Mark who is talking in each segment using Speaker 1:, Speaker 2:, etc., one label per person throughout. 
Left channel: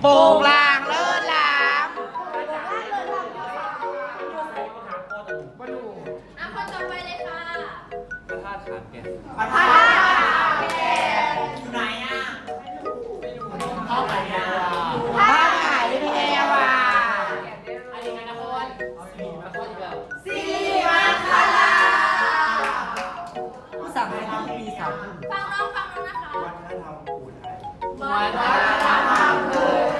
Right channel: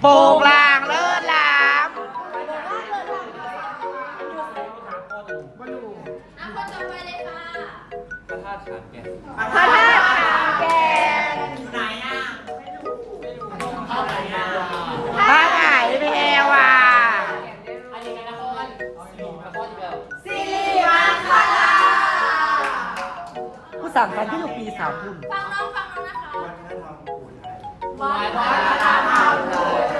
Speaker 1: โป่งลางเลิศลาม
Speaker 2: อะคนต่อไปเลยค่ะ
Speaker 3: พระธาตุขานแก่น
Speaker 1: พระธาตุแก่พระไหนแพรวา
Speaker 3: อันนี้กันนครสี่นครอีกแล้ว
Speaker 1: ผู้สั่งมาที่ปีสามพุ่น
Speaker 2: ฟังน้องฟังน้องนะคะ
Speaker 3: วัดพระธาตุขานแก่น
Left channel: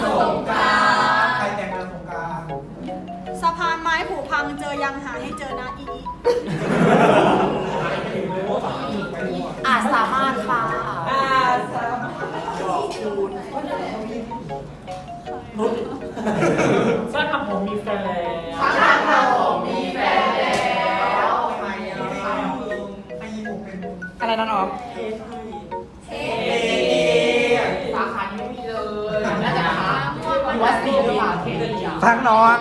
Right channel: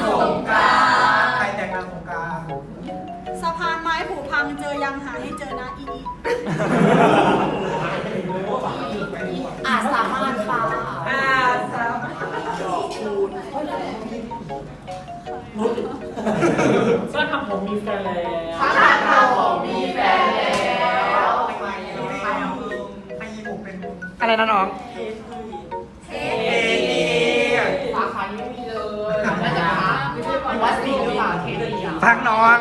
Speaker 3: พานไม้
Speaker 4: ผุพังเจอยังหาให้เจอนะอีอี
Speaker 2: อาจสามารถฟ้า
Speaker 3: บ้านทำผมมีแฟนแล้ว
Speaker 1: อะไรนะน้อง
Speaker 3: สาขานี้ไม่มีเลย
Speaker 2: มะม่วงมหาชนก
Speaker 1: ฟังน้อง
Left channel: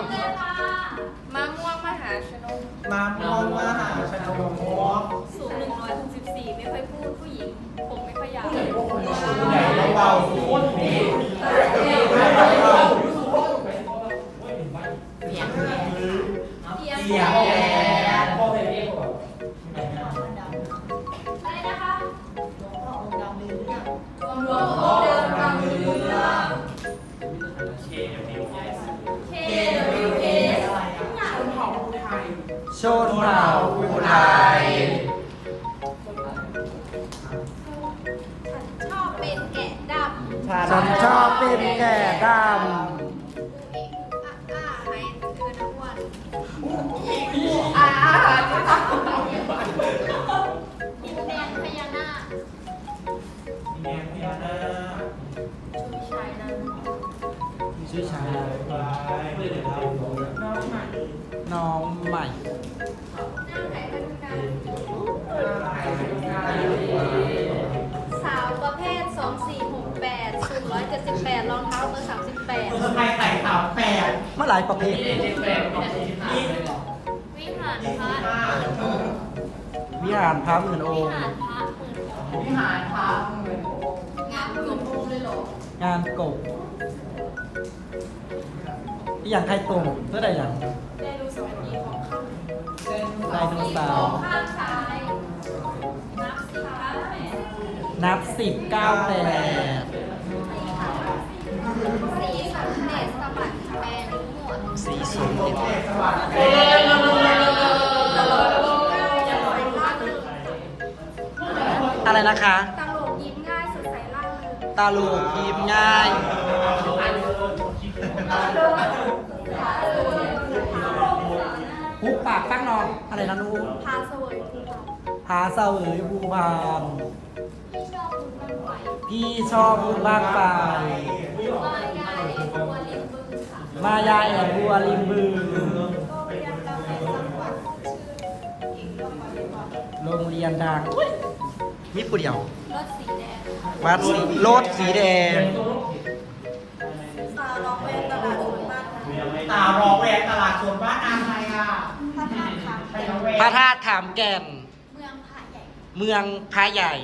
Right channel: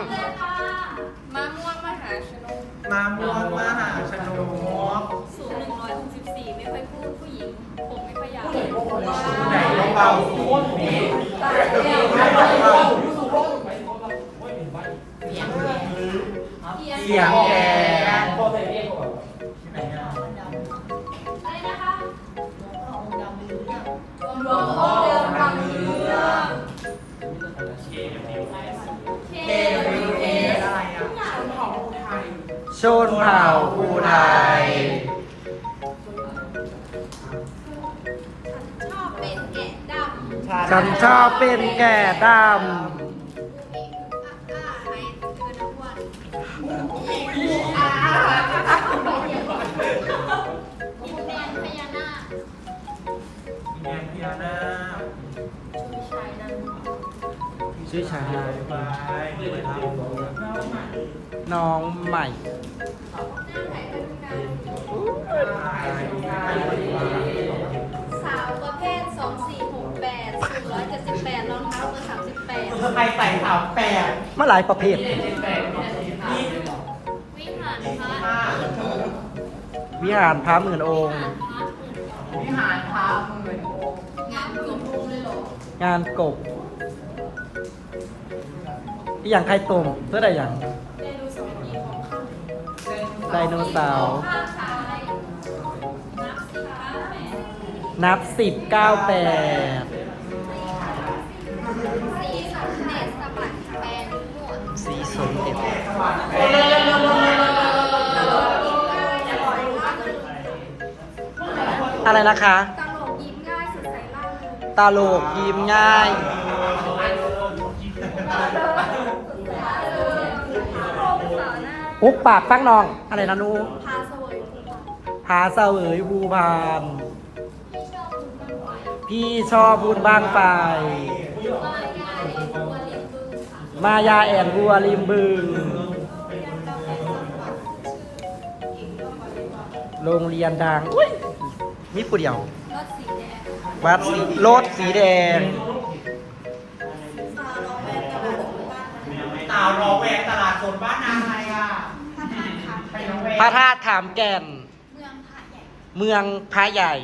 Speaker 2: เสียง
Speaker 5: เสี
Speaker 2: ยง
Speaker 5: แก
Speaker 2: อะไรนะคะหลวงพ่อเดิมรำเรื่อง KWS
Speaker 1: ชนเผ่าภูไทย
Speaker 2: ชอบเป็นแกะดำ
Speaker 1: ฉันชอบเป็นแก่ด
Speaker 2: อ่ อินแดนพญานาค
Speaker 5: แม่พี่นา
Speaker 2: ชูชายนั้นำ
Speaker 1: ชื่อชาย
Speaker 5: ไปไปทำ
Speaker 1: น้องใหม่
Speaker 2: นั่งไหนไปดูกันสาวประเภท 2468สูง178รองเท้าเบอร์38
Speaker 5: ทำไมใส่ขาแปด
Speaker 1: เมื่อหลายประเภท วิหารพระหมื่นองค์
Speaker 2: วิหารพระหมื่นงานกลมเลยเหรองา
Speaker 1: นกบที่อย่างใครตรงเพื่อใดอย่าง
Speaker 2: ไดโนเสาร์กี่ของข้าง
Speaker 1: ไดโนเสาร์
Speaker 2: ข้างซ้ายนับสิคะแม่
Speaker 1: นับสิบเก้าแปด
Speaker 2: สีสมเด็จสะบัดแปลงหมวด
Speaker 1: สีสมเด็จอะ ไรนะคะ
Speaker 2: ตลกยิ้มง่ายสดใสล่าเริง
Speaker 1: ตาโลกยิ้มง่ายปุ๊บปากฟังนอง อะไรนะนู
Speaker 2: พาเสวยภูเขา
Speaker 1: พาเสวยภูพาน
Speaker 2: ที่ชอบบุญบ้างไฟ
Speaker 1: พี่ชอบบุญบ้างไฟ
Speaker 2: มายาเอตัวเลี้ยงบึงค่ะ
Speaker 1: มายาแอนบัวริมบึงโรงเรียนดังอุ้ย มีผู้เดียว
Speaker 2: รถสีแดงค่ะ
Speaker 1: วัดสีรถสีแดง
Speaker 4: สาวร้องแวนตลาดสวยมากนะ
Speaker 5: สาวร้องแหวกตลาดสดบ้านนางไงล่ะ
Speaker 4: ถ้าทางทางเก่ง
Speaker 1: พระธาตุขามแก่น
Speaker 2: เมืองพระใหญ่
Speaker 1: เมืองพระใหญ่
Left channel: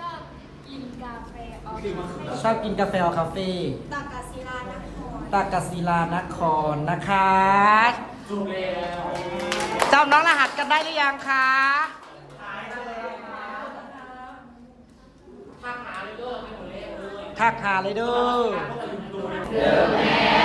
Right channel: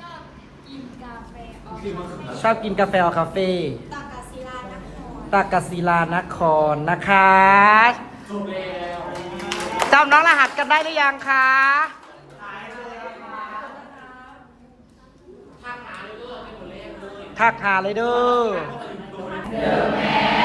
Speaker 2: ชอบกินกาแฟออกมา
Speaker 1: ชอบกินกาแฟออคาเฟ่
Speaker 4: ตากาศิลานคร
Speaker 1: ตากศิลานครนะคะจำน้องรหัสกันได้หรือยังคะ ทักหาเลยเด้อ